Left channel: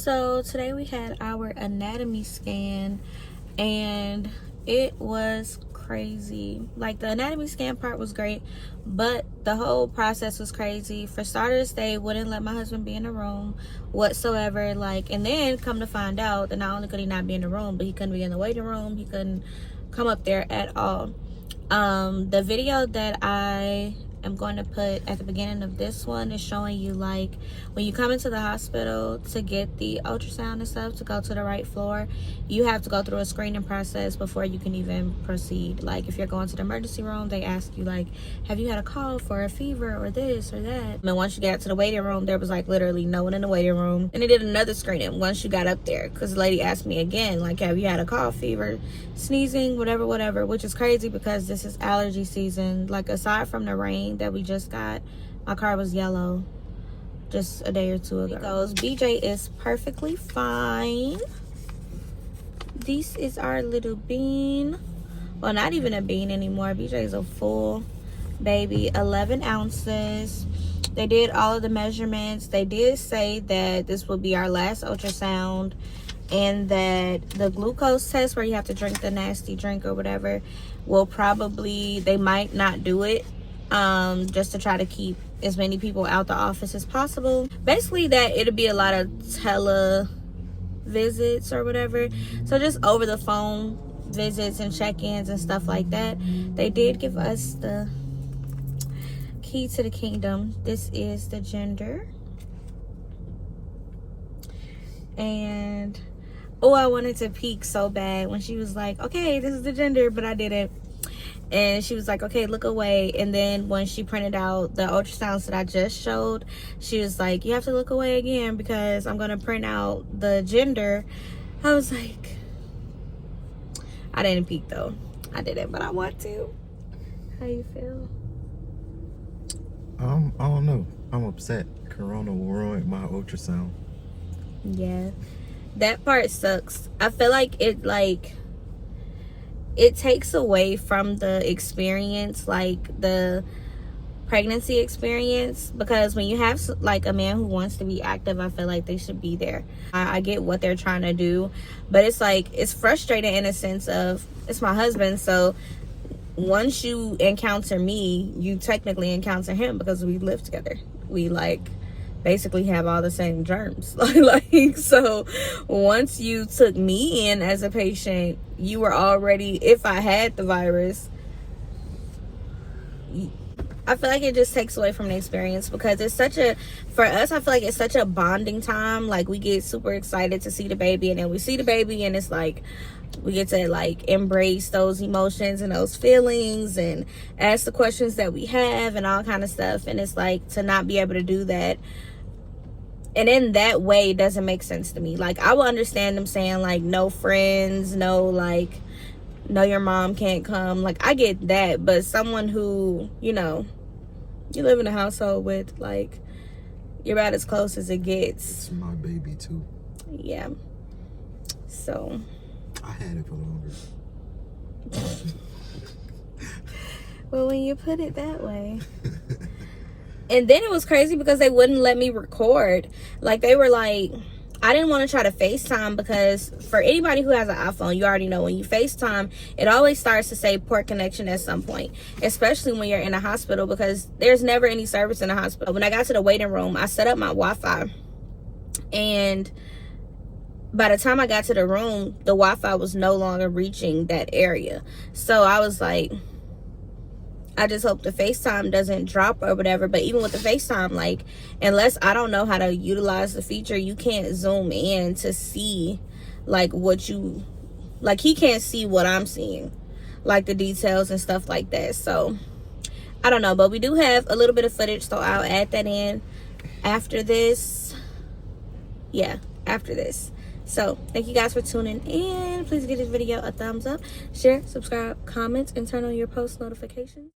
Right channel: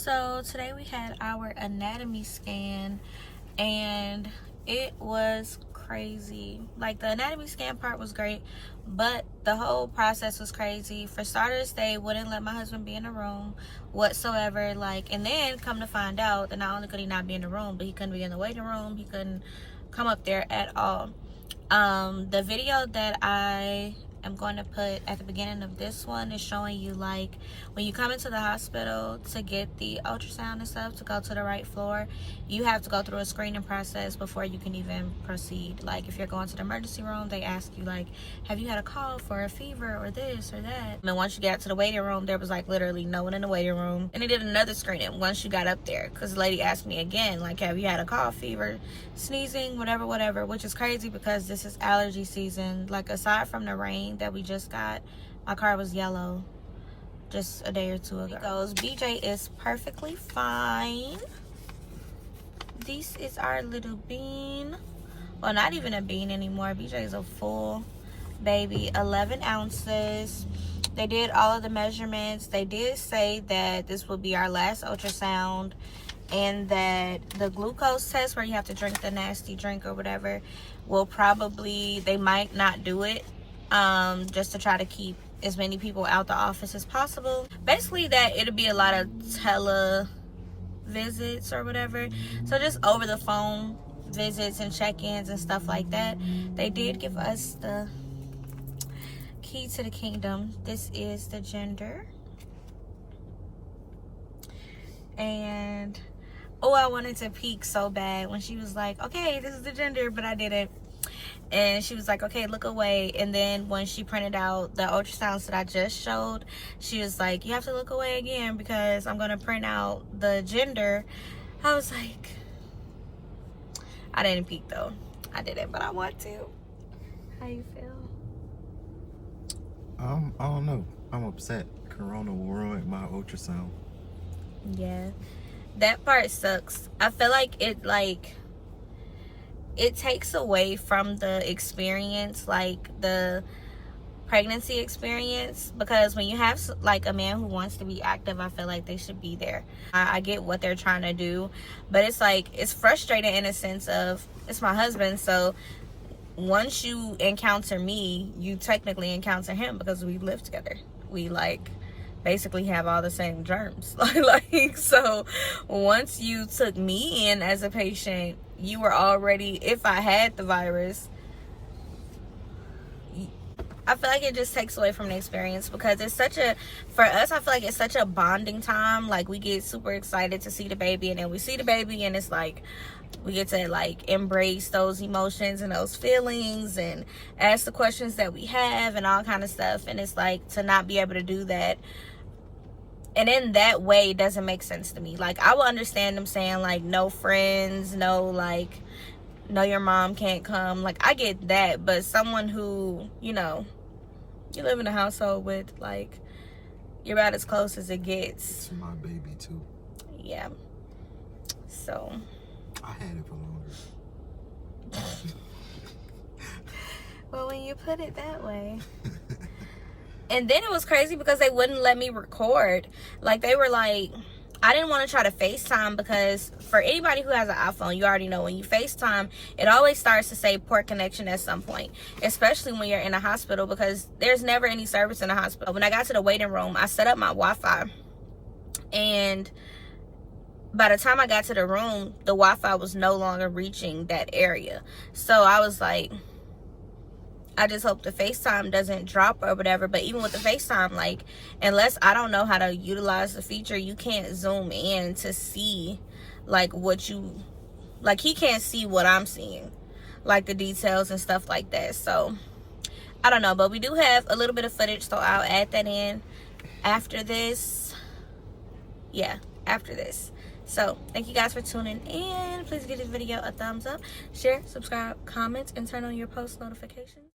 So today we had our anatomy scan and it was crazy. Like, the anatomy scan part was great, but the whole process was crazy. For starters, they wouldn't let my husband be in the room whatsoever. Like, and then come to find out that not only could he not be in the room, but he couldn't be in the waiting room. He couldn't come up there at all. The video that I am going to put at the beginning of this one is showing you, like, when you come into the hospital to get the ultrasound and stuff, to go to the right floor, you have to go through a screening process before you can even proceed. Like, if you're going to the emergency room, they ask you, like, have you had a call for a fever or this or that? And once you get out to the waiting room, there was like literally no one in the waiting room. And they did another screening once you got up there, because the lady asked me again, like, have you had a cough, fever, sneezing, whatever, which is crazy because this is allergy season. Like, aside from the rain that we just got, my car was yellow just a day or two ago. Because BJ is perfectly fine. This is our little bean. Well, not even a bean anymore. BJ is a full baby, 11 ounces. They did all of the measurements. They did say that this will be our last ultrasound, and that the glucose test, where you have to drink the nasty drink or whatever, will probably, they might not do it, just to try to keep as many people out the office as possible. Basically, that it'll be a lot of tele visits or whatever, so just over the phone visits and check-ins and stuff like that. They did give us the key to the kingdom. This is the gender. And oh, I wanted to peek so bad when she was like, okay, this is the gender, but I didn't. And she was like, okay, look away. And then when she printed out the ultrasounds that I just showed, she was like, you have to look away again because I'm going to print out the gender. I was like, I didn't peek though. I didn't, but I want to. How you feel? I don't know. I'm upset. Corona will ruin my ultrasound. Yeah, that part sucks. I feel like it takes away from the experience, like the pregnancy experience, because when you have like a man who wants to be active, I feel like they should be there. I get what they're trying to do, but it's like, it's frustrating in a sense of, it's my husband, so once you encounter me, you technically encounter him because we live together. We like basically have all the same germs. Like, so once you took me in as a patient, you were already, if I had the virus, I feel like it just takes away from the experience, because it's such a, for us, I feel like it's such a bonding time. Like, we get super excited to see the baby, and then we see the baby and it's like, we get to like embrace those emotions and those feelings and ask the questions that we have and all kind of stuff. And it's like, to not be able to do that, and in that way, it doesn't make sense to me. Like, I will understand them saying like, no friends, no, like, no, your mom can't come. Like, I get that, but someone who, you know, you live in a household with, like, you're about as close as it gets. It's my baby too. Yeah. So I had it for longer. well, when you put it that way. And then it was crazy because they wouldn't let me record. Like, they were like, I didn't want to try to FaceTime, because for anybody who has an iPhone, you already know when you FaceTime, it always starts to say poor connection at some point, especially when you're in a hospital, because there's never any service in a hospital. When I got to the waiting room, I set up my Wi-Fi, and by the time I got to the room, the Wi-Fi was no longer reaching that area. So I was like, I just hope the FaceTime doesn't drop or whatever. But even with the FaceTime, like, unless I don't know how to utilize the feature, you can't zoom in to see like what you, like, he can't see what I'm seeing, like the details and stuff like that. So I don't know, but we do have a little bit of footage, so I'll add that in after this. Yeah, after this. So thank you guys for tuning in. Please give this video a thumbs up, share, subscribe, comment, and turn on your post notifications.